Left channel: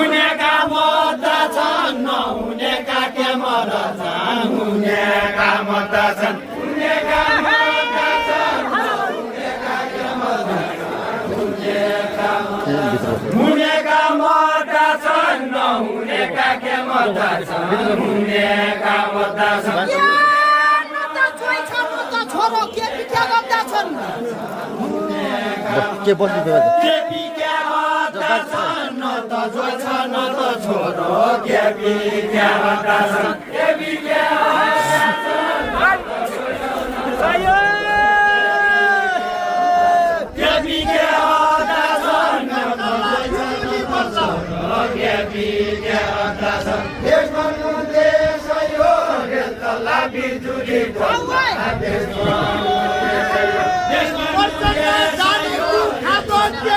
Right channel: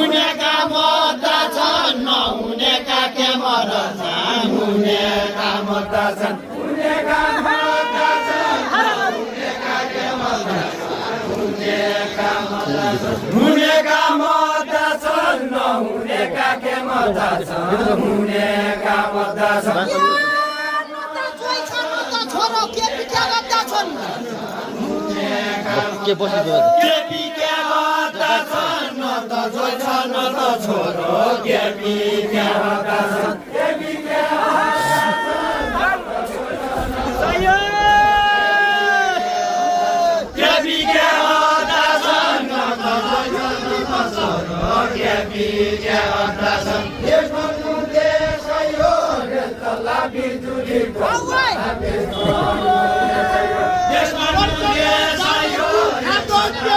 हुनेका मर्दा छन् नहुनेका के मर्छ हुनेका मर्दा छन् हुनेका मर्दा छन् नहुनेका के मर्छ हुनेका मर्दा छन् नहुनेका के मर्छ हुनेका मर्दा छन् छोरो के बिक्या गर्दा छन् के बस्नु के बिक्या गर्दा छन् न त जोइ छ न त छोरो के बिक्या गर्दा छन् के बिक्या के बिक्या गर्दा छन् न त जोइ छ न त छोरो के बिक्या गर्दा छन् देश भन्नु देश यो रेतला बिजुली जानी खातो के